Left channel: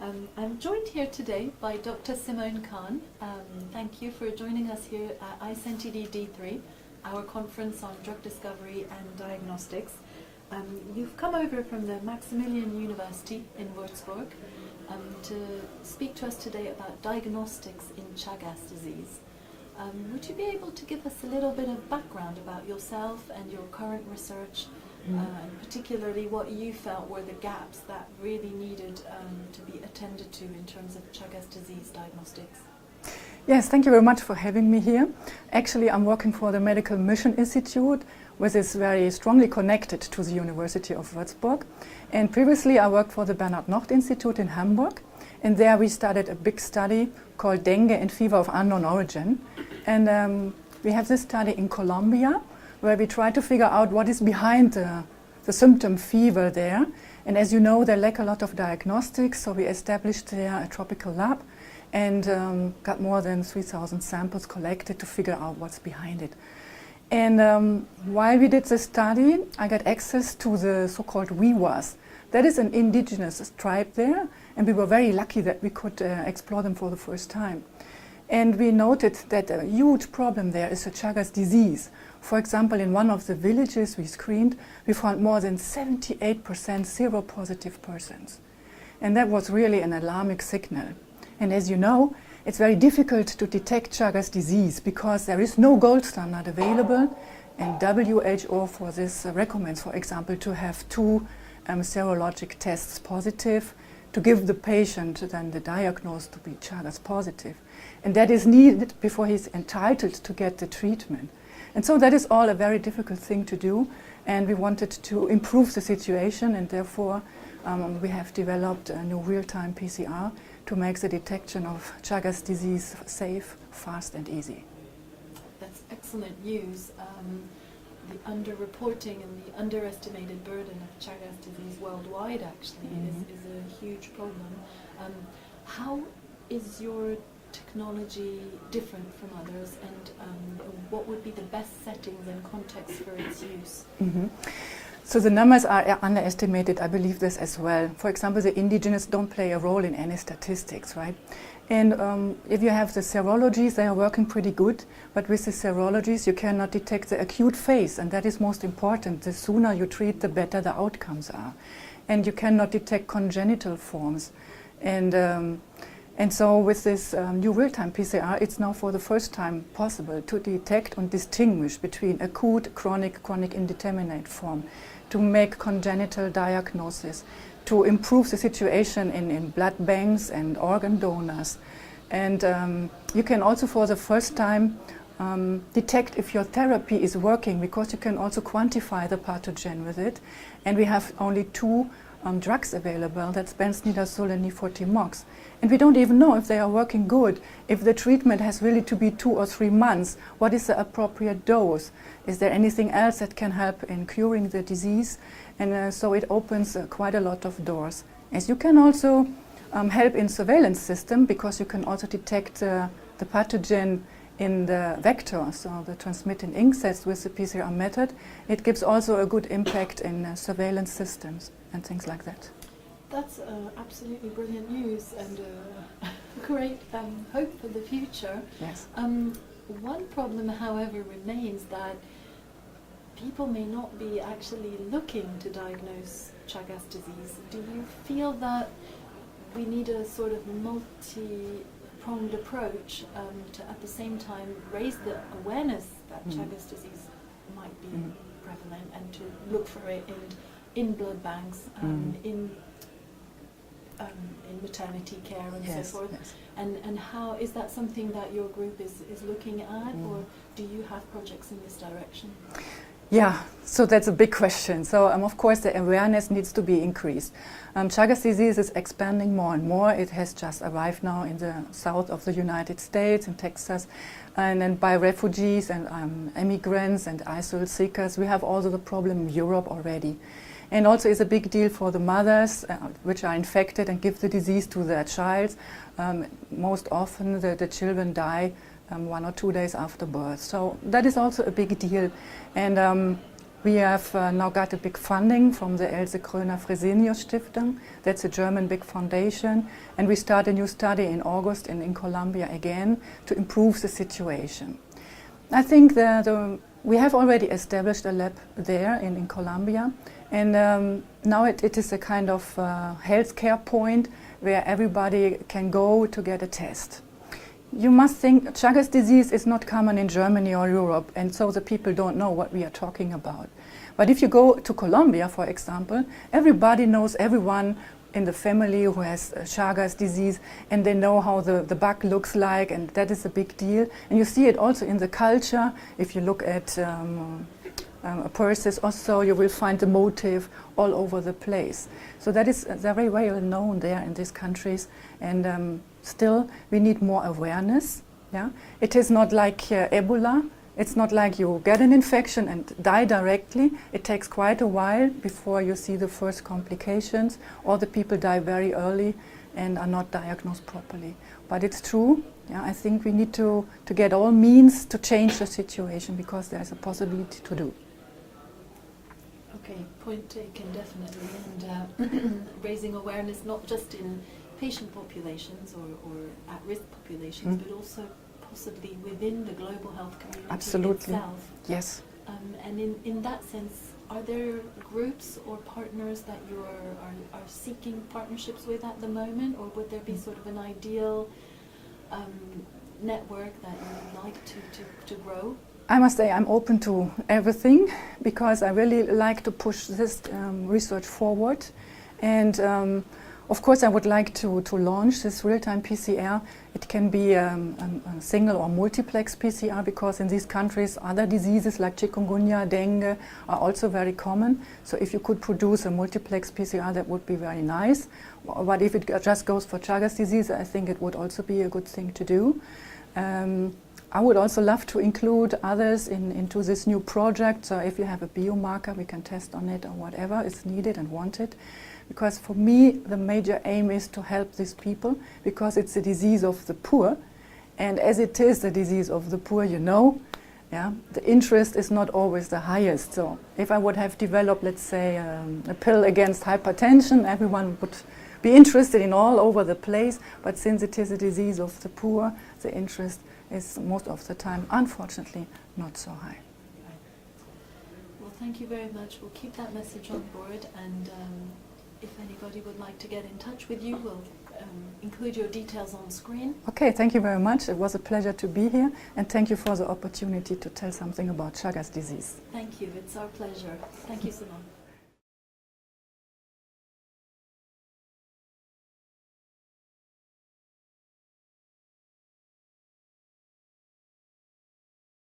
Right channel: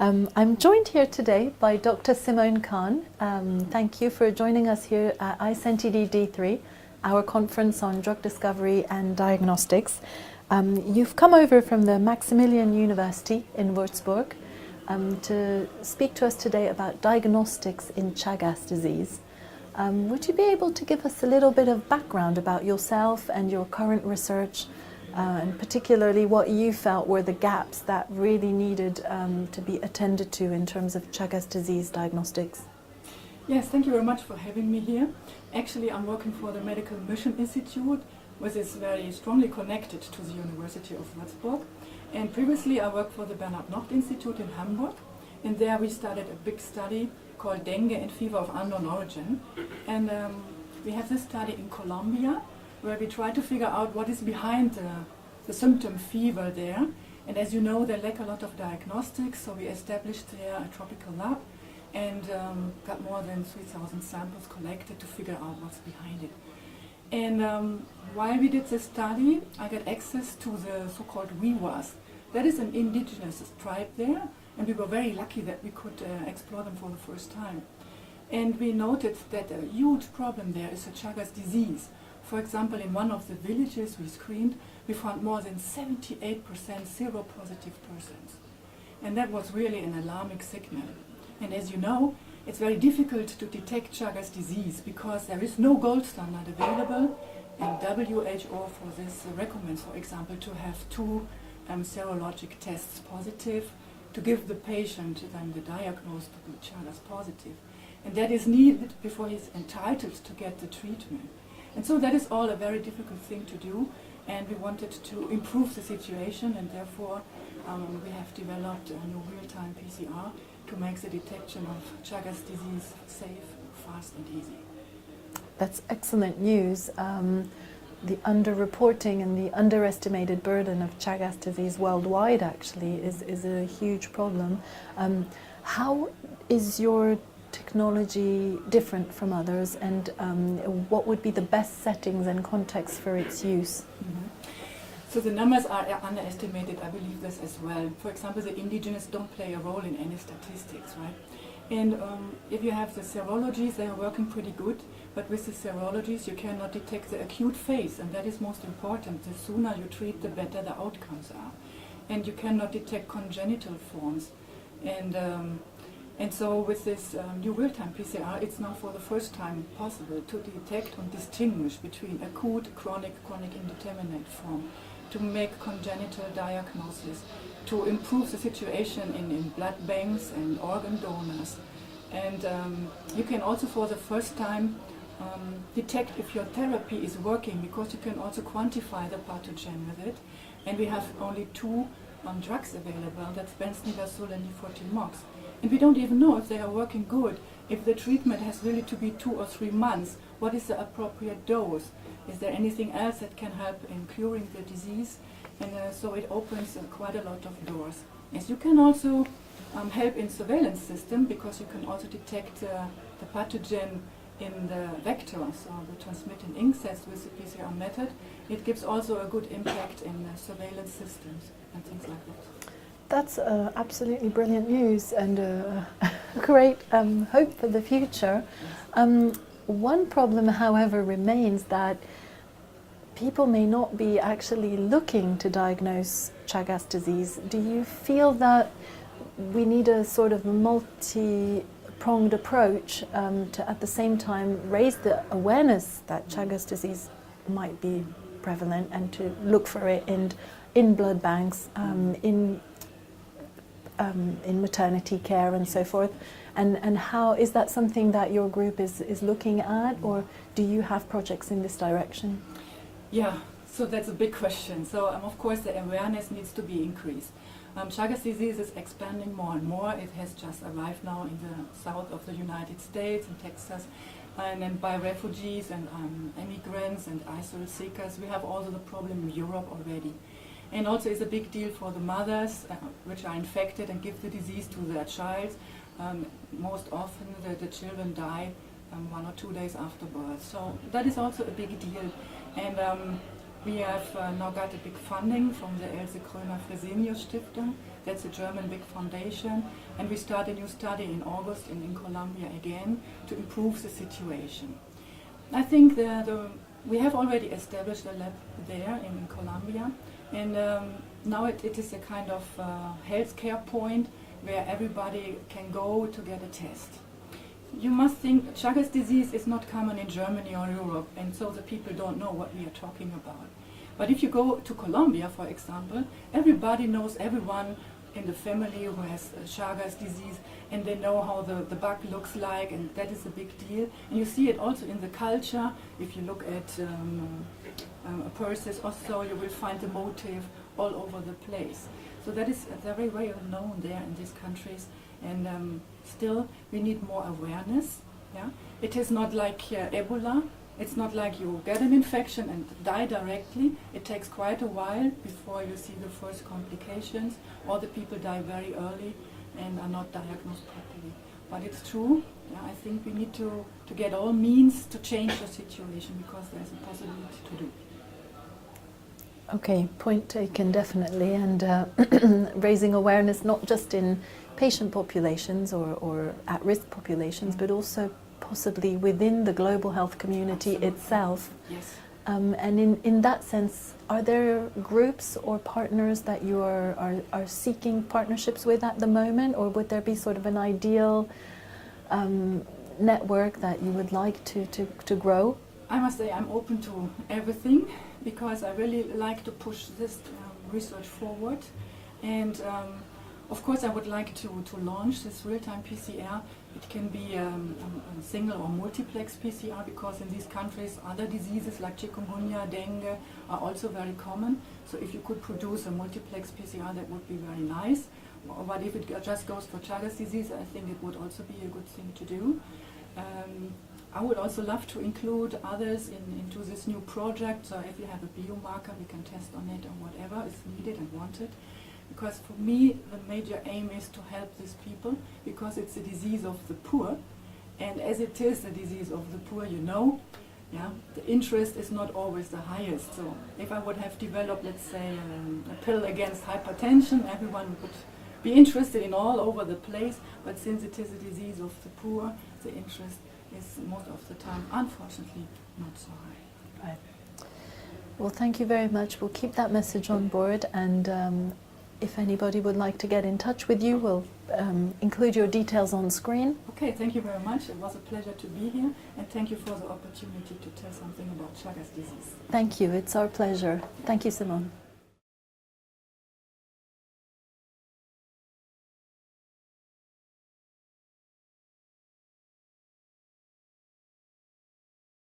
I'm joined here today by Dr. Simone Kann. Thank you for joining us here at ISNTD D3, our conference on drug discovery and diagnostics. You've come over from the Maximillian University in Würzburg to speak to us today about diagnostics in Chagas disease. Would you be able to give us a little bit of background about yourself and your current research, and particularly what you felt were the gaps that really needed to be attended to in terms of Chagas disease diagnostics? Yes, thank you very much for having me here. Actually, I'm working for the Medical Mission Institute, which is very strongly connected to the University of Würzburg. And previously I worked for the Bernhard Nocht Institute in Hamburg, and there we started a big study called Dengue and Fever of Unknown Origin. And we have this study in Colombia, where we try to figure out what is behind the symptom fever there. And as you know, they lack a lot of diagnostics, so we established there a tropical lab and got more than 3,000 samples collected to figure out what's behind it. And while we did this study, I got access to the so-called Wiwas. That is an indigenous tribe there, and we were very lucky that we could explore them for the first time. And we noted that a huge problem there is the Chagas disease. For example, in one of the villages we screened, we found more than 78% seropositive persons. And that was really an alarming signal. And as you know, it's very difficult to detect Chagas disease because there is no gold standard available, and WHO for this recommends, for example, to have two serologic tests positive to give the patient then the diagnosis to be Chagas positive. And that is needed before he's entitled to get the treatment. And so that is all a very difficult thing to do, and we wanted to improve the situation, and therefore we have developed a new real-time PCR to make the detection of Chagas disease safe, fast and easy. That's excellent news. The underreporting and the underestimated burden of Chagas disease worldwide actually is a huge problem. How is your technology different from others, and what would be the best settings and contexts for its use? So the numbers are underestimated, I believe this as well. For example, the indigenous don't play a role in any statistics, right? And if you have the serologies, they are working pretty good, but with the serologies you cannot detect the acute phase, and that is most important. The sooner you treat, the better the outcomes are. And you cannot detect congenital forms. And so with this new real-time PCR, it's now for the first time possible to detect and distinguish between acute, chronic indeterminate form, to make congenital diagnosis, to improve the situation in blood banks and organ donors. And you can also for the first time detect if your therapy is working, because you can also quantify the pathogen with it. And we have only two drugs available, that's benznidazole and nifurtimox. And we don't even know if they are working good, if the treatment has really to be 2 or 3 months, what is the appropriate dose? Is there anything else that can help in curing the disease? And so it opens quite a lot of doors. As you can also help in surveillance system, because you can also detect the pathogen in the vector, so the transmitting insects with the PCR method. It gives also a good impact in surveillance systems and things like that. That's absolutely brilliant news and great hope for the future. Yes. One problem, however, remains that people may not be actually looking to diagnose Chagas disease. Do you feel that we need a sort of multi-pronged approach to at the same time raise the awareness that Chagas disease might be prevalent, and to look for it in blood banks, in maternity care and so forth? Yes. And how is that something that your group is looking at, or do you have projects in this direction? Yeah, so that's a big question. So of course the awareness needs to be increased. Chagas disease is expanding more and more. It has just arrived now in the south of the United States, in Texas, and then by refugees and immigrants and asylum seekers. We have also the problem in Europe already. And also it's a big deal for the mothers which are infected and give the disease to their child. Most often the children die 1 or 2 days after birth. So that is also a big deal. And We have now got a big funding from the Else Kröner-Fresenius Stiftung. That's a German big foundation. And we start a new study in August in Colombia again to improve the situation. I think that we have already established a lab there in Colombia. And now it is a kind of healthcare point where everybody can go to get a test. You must think Chagas disease is not common in Germany or Europe, and so the people don't know what we are talking about. But if you go to Colombia, for example, everybody knows everyone in the family who has Chagas disease, and they know how the bug looks like, and that is a big deal. And you see it also in the culture. If you look at purses or so, you will find the motif all over the place. So that is very well known there in these countries, and still we need more awareness. Yeah? It is not like Ebola. It's not like you get an infection and die directly. It takes quite a while before you see the first complications, or the people die very early and are not diagnosed properly. But it's true. Yeah, I think we need to get all means to change the situation, because there's a possibility to do. Okay, point taken, definitely. And raising awareness not just in patient populations or at-risk populations, but also possibly within the global health community itself. Yes. And in that sense, are there groups or partners that you are seeking partnerships with at the moment, or would there be sort of an ideal network that you would like to grow? I must say I'm open to everything, because I really like to push this research forward. And of course I would like to launch this real-time PCR. It can be a single or multiplex PCR, because in these countries other diseases like chikungunya, dengue are also very common. So if you could produce a multiplex PCR, that would be very nice. But if it just goes for Chagas disease, I think it would also be a good thing to do. I would also love to include others into this new project. So if you have a biomarker, we can test on it or whatever is needed and wanted. Because for me, the major aim is to help these people, because it's a disease of the poor. And as it is the disease of the poor, you know, yeah, the interest is not always the highest. So if I would have developed, let's say, a pill against hypertension, everyone would be interested in all over the place. But since it is a disease of the poor, the interest is most of the time, unfortunately, not so high. Right. Well, thank you very much. We'll keep that message on board, and if anybody would like to get in touch with you, we'll include your details on screen. Okay, thank you very much. It was a pleasure to be here, and thank you for the opportunity to tell something about Chagas disease. Thank you. It's our pleasure. Thank you, Simone.